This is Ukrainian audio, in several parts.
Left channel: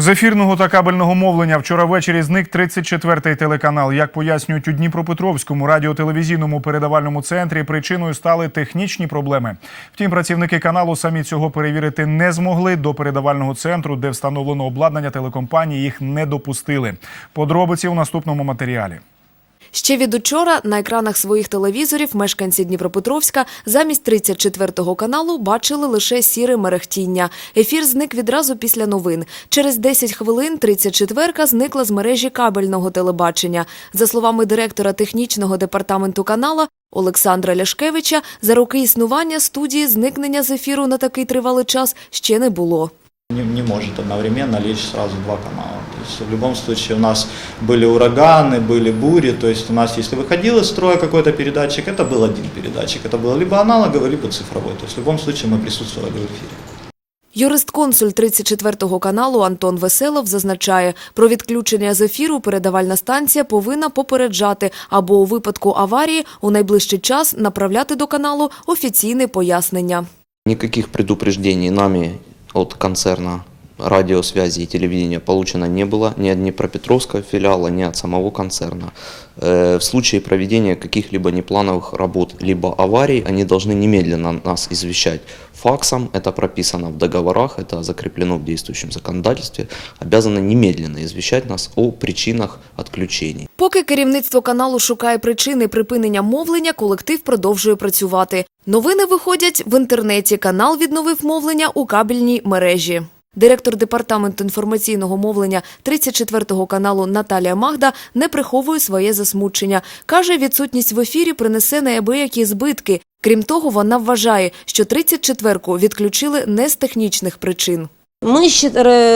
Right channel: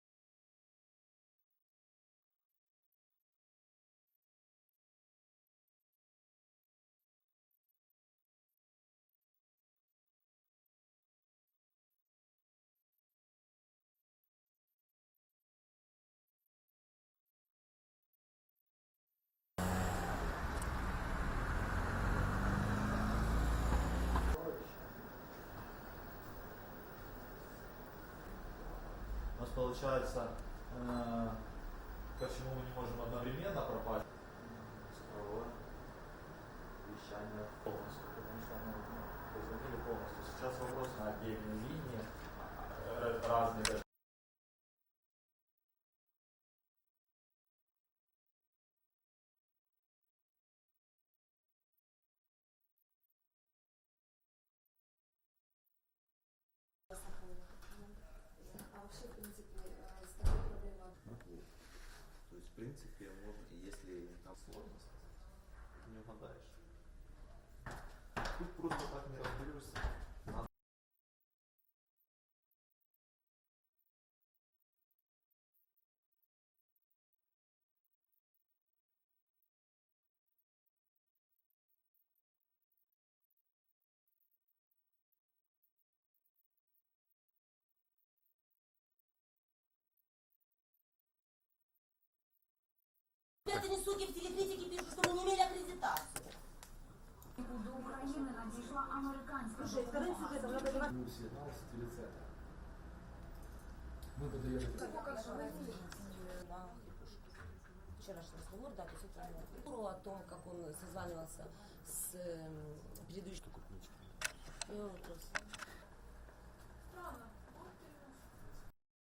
З ефірного та кабельного мовлення вчора ввечері зник 34-й телеканал. Як пояснюють у Дніпропетровському радіотелевізійному передавальному центрі, причиною стали технічні проблеми. Втім, працівники каналу самі цього перевірити не змогли. До передавального центру, де встановлено обладнання телекомпанії, їх не допустили. Подробиці у наступному матеріалі. Ще від учора на екранах своїх телевізорів мешканці Дніпропетровська замість 34-го каналу бачили лише сіре мерехтіння. Ефір зник відразу після новин. Через 10 хвилин 34-ка зникла з мережі кабельного телебачення. За словами директора технічного департаменту канала Олександра Ляшкевича, за роки існування студії зникнення з ефіру на такий тривалий час ще не було. не, не может одновременно лечь сразу два канала. То есть в любом случае у нас были ураганы, были бури, то есть у нас, если выходил из строя какой-то передатчик, это был один передатчик, это было либо аналоговый, либо цифровой. То есть в любом случае мы присутствовали в эфире. Юрист-консуль 34-го каналу Антон Веселов зазначає, про відключення з ефіру передавальна станція повинна попереджати або у випадку аварії у найближчий час направляти до каналу офіційне пояснення. Никаких предупреждений нами от концерна радиосвязи и телевидения получено не было ни от Днепропетровского филиала, ни от самого концерна. Э, В случае проведения каких-либо неплановых работ либо аварий, они должны немедленно нас извещать факсом, это прописано в договорах, это закреплено в действующем законодательстве, обязаны немедленно извещать нас о причинах отключений. Поки керівництво каналу шукає причини припинення мовлення, колектив продовжує працювати. Новини виходять в інтернеті. Канал відновив мовлення у кабельній мережі. Директор департаменту інформаційного мовлення 34-го каналу Наталія Магда не приховує своє засмучення. Каже, відсутність в ефірі принесе неабиякі збитки. Крім того, вона вважає, що 34-ку відключили не з технічних причин. Мы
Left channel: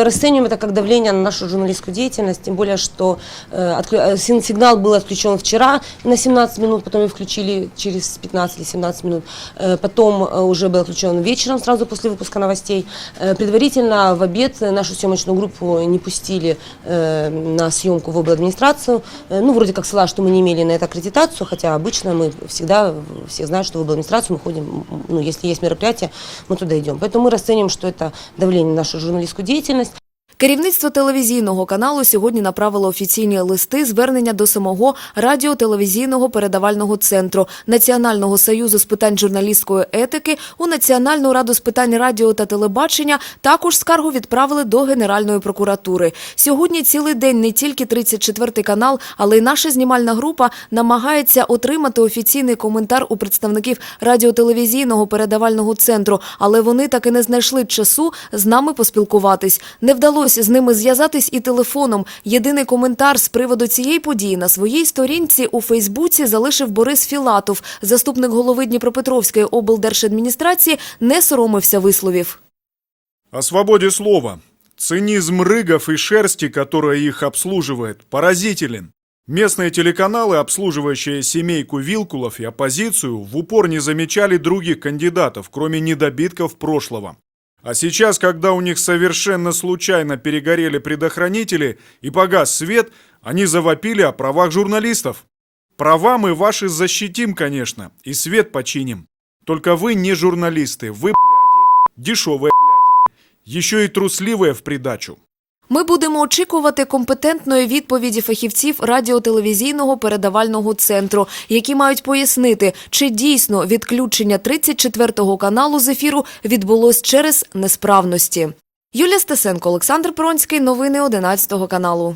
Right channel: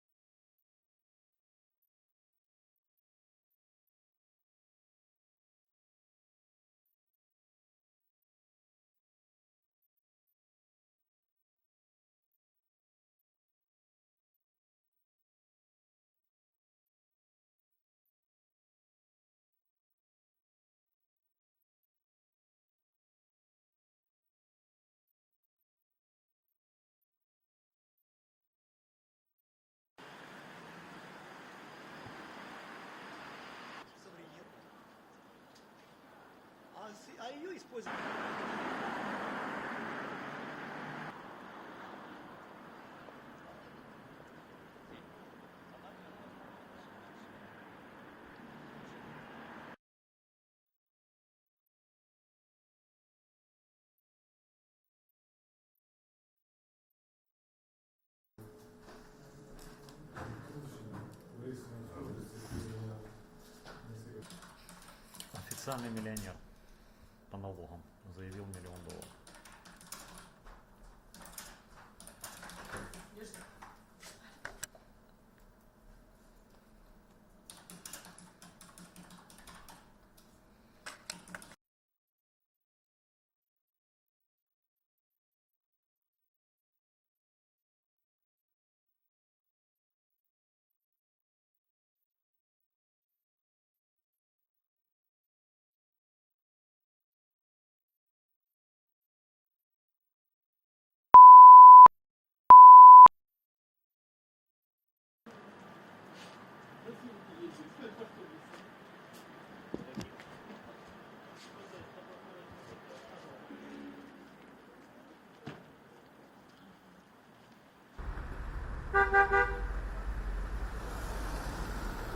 расцениваем это как давление на нашу журналистскую деятельность, тем более, что э, э, сигнал был отключен вчера на 17 минут, потом его включили через 15 или 17 минут, Э, потом уже был отключен вечером, сразу после выпуска новостей. Предварительно в обед нашу съемочную группу не пустили на съемку в обладминистрацию. Ну, вроде как ссылаясь, что мы не имели на это аккредитацию, хотя обычно мы всегда, все знают, что в обладминистрацию мы ходим, ну, если есть мероприятие, мы туда идем. Поэтому мы расцениваем, что это давление на нашу журналистскую деятельность. Керівництво телевізійного каналу сьогодні направило офіційні листи звернення до самого радіотелевізійного передавального центру Національного союзу з питань журналістської етики у Національну раду з питань радіо та телебачення. Також скаргу відправили до Генеральної прокуратури. Сьогодні цілий день не тільки 34 канал, але й наша знімальна група намагається отримати офіційний коментар у представників радіотелевізійного передавального центру, але вони так і не знайшли часу з нами поспілкуватись. Не вдалося з ними зв'язатись і телефоном. Єдиний коментар з приводу цієї події на своїй сторінці у Фейсбуці залишив Борис Філатов, заступник голови Дніпропетровської облдержадміністрації, не соромився висловів. О свободе слова. Цинизм рыгов и шерсти, которая их обслуживает, поразителен. Местные телеканалы, обслуживающие семейку Вилкулов и оппозицию, в упор не замечали других кандидатов, кроме недобитков прошлого. А сейчас, когда у них совершенно случайно перегорели предохранители и погас свет, они завопили о правах журналистов. Права мы ваши защитим, конечно, и свет починим. Только вы не журналисты, вы, бляди, дешевые, бляди, еще и трусливые в придачу. Ми будемо очікувати компетентної відповіді фахівців радіотелевізійного передавального центру, які мають пояснити, чи дійсно відключення 34-го каналу з ефіру відбулось через несправності. Юлія Стесенко, Олександр Пронський. Новини 11 каналу.